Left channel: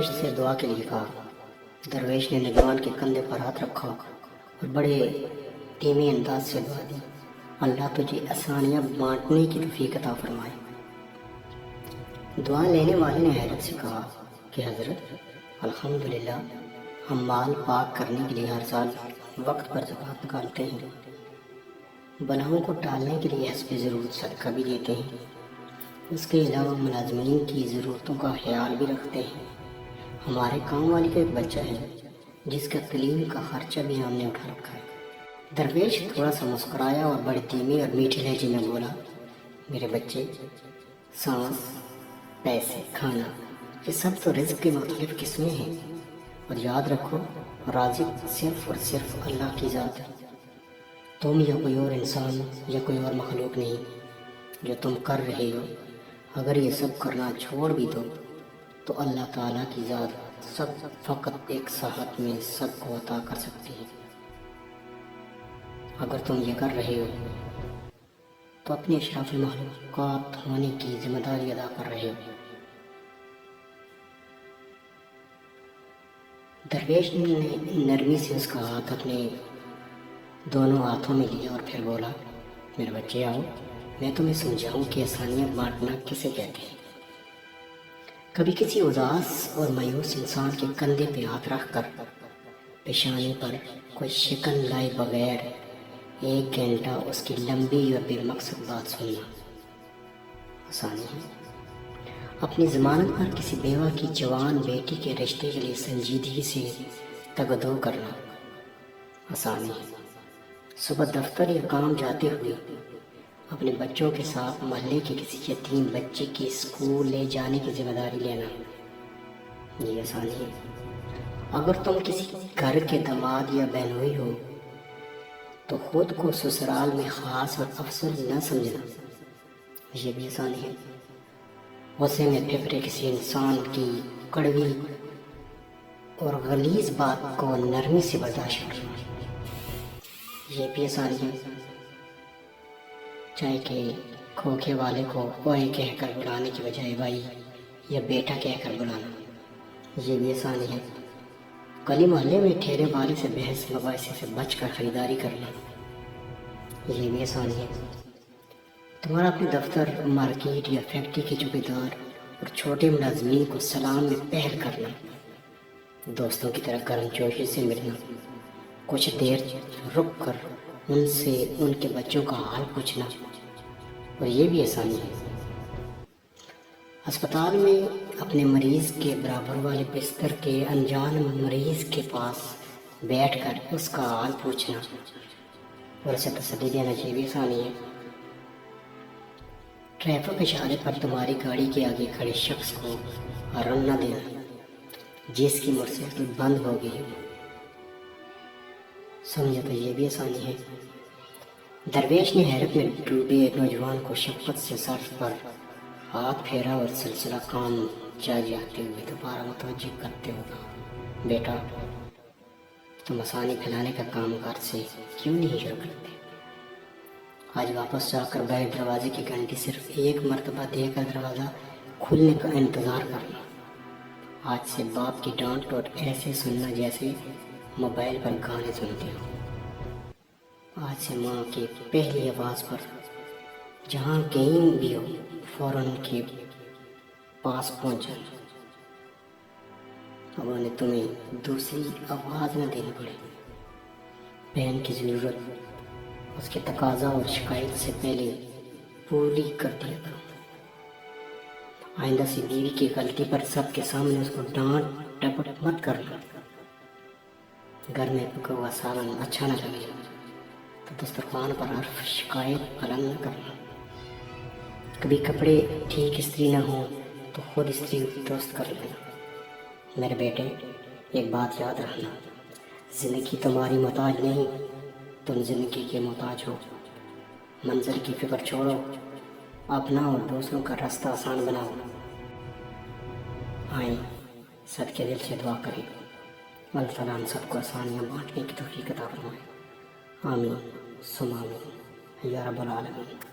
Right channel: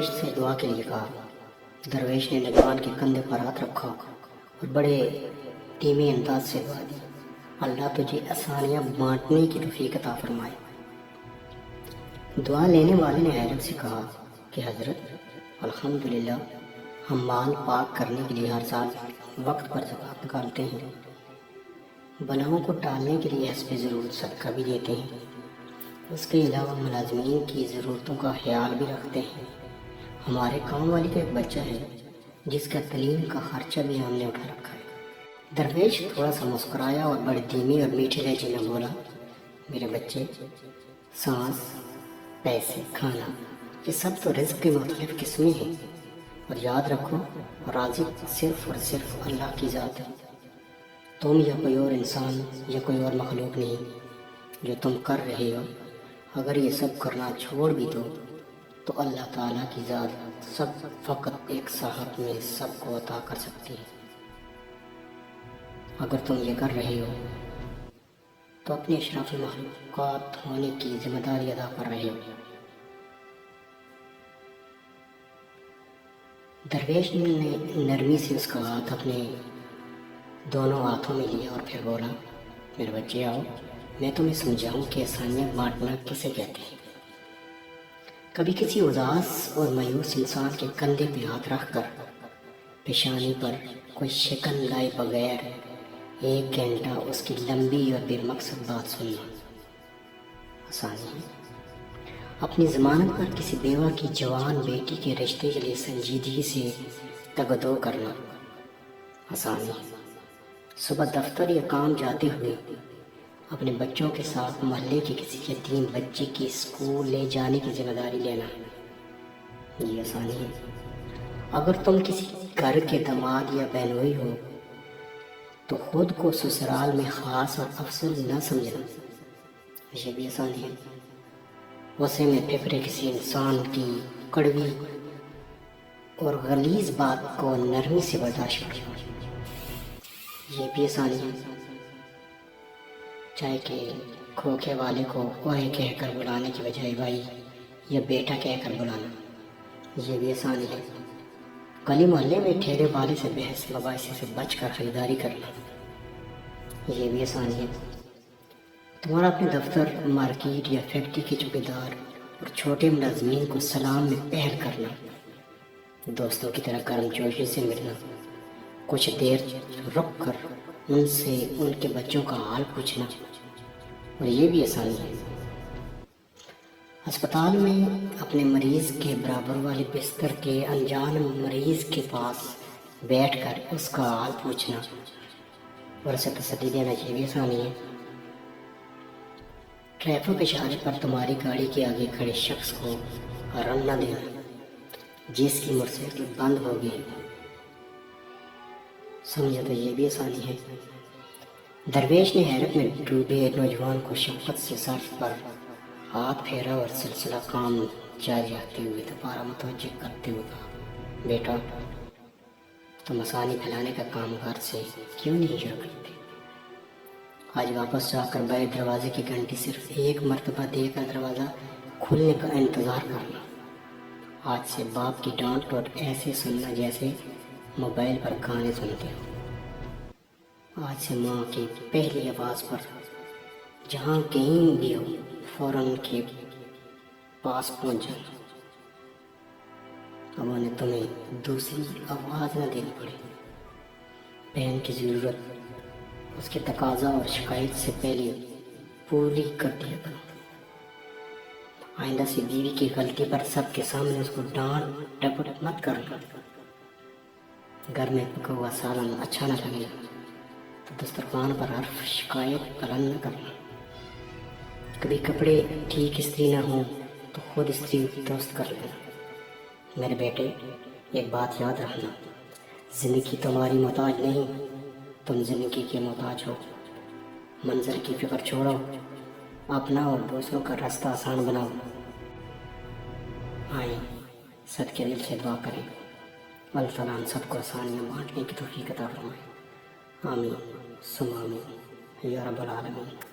درویش سے دعا کے لیے کہا۔ درویش نے نوجوان کے کندھے پر ہاتھ رکھا اور بڑے دھیمے انداز سے دعا دی، اللہ تجھے آسانیاں بانٹنے کی توفیق عطا فرمائے۔ دعا لینے والے نے حیرت سے کہا کہ حضرت الحمدللہ، ہم مال پاک کرنے کے لیے ہر سال وقت پر زکوٰۃ نکالتے ہیں، بلاؤں کو ٹالنے کے لیے حسب ضرورت صدقہ بھی دیتے ہیں، اس کے علاوہ ملازمین کی ضرورتوں کا خیال بھی رکھتے ہیں۔ ہمارے کام والی کا ایک بچہ ہے جس کا تعلیم کا خرچہ بھی ہم نے اٹھا رکھا ہے۔ درویش تھوڑا سا مسکرایا اور بڑے دھیمے اور میٹھے لہجے میں بولا، میرے بچے، سانس، پیسے، کھانا، یہ سب تو رزق کی مختلف قسمیں ہیں، اور یاد رکھو رازق صرف اور صرف اللہ کی ذات ہے۔ تم یا کوئی اور انسان یا کوئی اور مخلوق نہیں۔ جو تم کر رہے ہو، اگر یہ سب کرنا چھوڑ بھی دو تو اللہ تعالیٰ کی ذات سب فقط ایک ساعت میں سب کو عطا کر سکتی ہے۔ اگر تم یہ کر رہے ہو تو اپنی اشرف مخلوقات ہونے کی ذمہ داری ادا کر رہے ہو۔ درویش نے نرمی سے اس کا ہاتھ اپنے دونوں ہاتھوں میں لیا اور پھر بولا، میرے بچے آؤ، میں تمہیں سمجھاؤں کہ آسانیاں بانٹنا کسے کہتے ہیں۔ کبھی کسی اداس اور مایوس انسان کے کندھے پہ ہاتھ رکھ کر پیشانی پر کوئی شکن لائے بغیر ایک گھنٹہ اس کی لمبی اور بے مقصد بات سننا آسانی ہے۔ اپنی ضمانت پر کسی بیوہ کی جوان بیٹی کے رشتے کے لیے سنجیدگی سے تگدو کرنا آسانی ہے۔ صبح دفتر یا کام جاتے ہوئے اپنے بچوں کے ساتھ محلے کے کسی یتیم بچے کی اسکول لے جانے کی ذمہ داری لینا، یہ آسانی ہے۔ اگر تم کسی گھر کے داماد یا بہنوئی ہو تو خود کو سسرال میں خاص اور افضل نہ سمجھنا، یہ بھی آسانی ہے۔ غصے میں پھپھرے کسی انسان کی کڑوی اور غلیظ بات کو نرمی سے برداشت کرنا، یہ بھی آسانی ہے۔ چاہے کہ کھوکھے والے کو اوئے کہہ کر بلانے کی بجائے بھائی یا بیٹا کہہ کر بلانا، یہ بھی آسانی ہے۔ گلی محلے میں ٹھیلے والے سے بحث مباحثے سے بچ کر خریداری کرنا، یہ بھی آسانی ہے۔ تمہارا اپنے دفتر، مارکیٹ یا فیکٹری کے چوکیدار اور چھوٹے ملازمین کو سلام میں پہل کرنا، دوستوں کی طرح گرم جوشی سے ملنا، کچھ دیر رک کر ان سے ان کے بچوں کا حال پوچھنا، اور یہ بھی آسانی ہے۔ ہسپتال میں اپنے مریض کے برابر والے بستر کے انجان مریض کے پاس بیٹھ کر اس کا حال پوچھنا اور اسے تسلی دینا، یہ بھی آسانی ہے۔ ٹریفک اشارے پر تمہاری گاڑی کے آگے کھڑے شخص کو ہارن نہ دینا جس کی موٹر سائیکل بند ہو گئی، سمجھا تو یہ بھی آسانی ہے۔ درویش نے حیرت میں ڈوبے نوجوان کو شفقت سے سر پر ہاتھ پھیرا اور سلسلہ کام جاری رکھتے ہوئے دوبارہ متوجہ کرتے ہوئے کہا، بیٹا، تم آسانی پھیلانے کا کام گھر سے کیوں نہیں شروع کرتے؟ آج واپس جا کر باہر دروازے کی گھنٹی صرف ایک مرتبہ دے کر دروازہ کھلنے کا انتظار کرنا۔ آج سے باپ کی ڈانٹ اور ایسے سننا جیسے موبائل پر گانے سنتے ہو۔ آج سے ماں کی پہلی آواز پر جہاں کہیں بھی ہو فوراً ان کے پاس پہنچ جانا۔ اب انہیں تمہیں دوسری آواز نہ دینی پڑے۔ بہن کی ضرورت اس کے تقاضا اور شکایت سے پہلے پوری کر دیا کرو۔ آئندہ سے بیوی کی غلطی پر سب کے سامنے اس کو ڈانٹ ڈپٹ مت کرنا۔ گھر میں پکا ہوا سالن اچھا نہ لگے تو دسترخوان پر حرف شکایت بلند نہ کرنا۔ کبھی کپڑے ٹھیک استری نہ ہوں تو خود استری درست کر لینا۔ میرے بیٹے، ایک بات یاد رکھنا، زندگی تمہاری محتاج نہیں، تم زندگی کے محتاج ہو۔ منظر کی فکر چھوڑو، اپنا اور دوسروں کا راستہ آسان بناؤ۔ آئیں سب کے دل سے دعا کریں، اللہ تعالیٰ ہم سب کو آسانیاں بانٹنے کی توفیق عطا فرمائے۔ آمین ثم آمین یا رب العالمین۔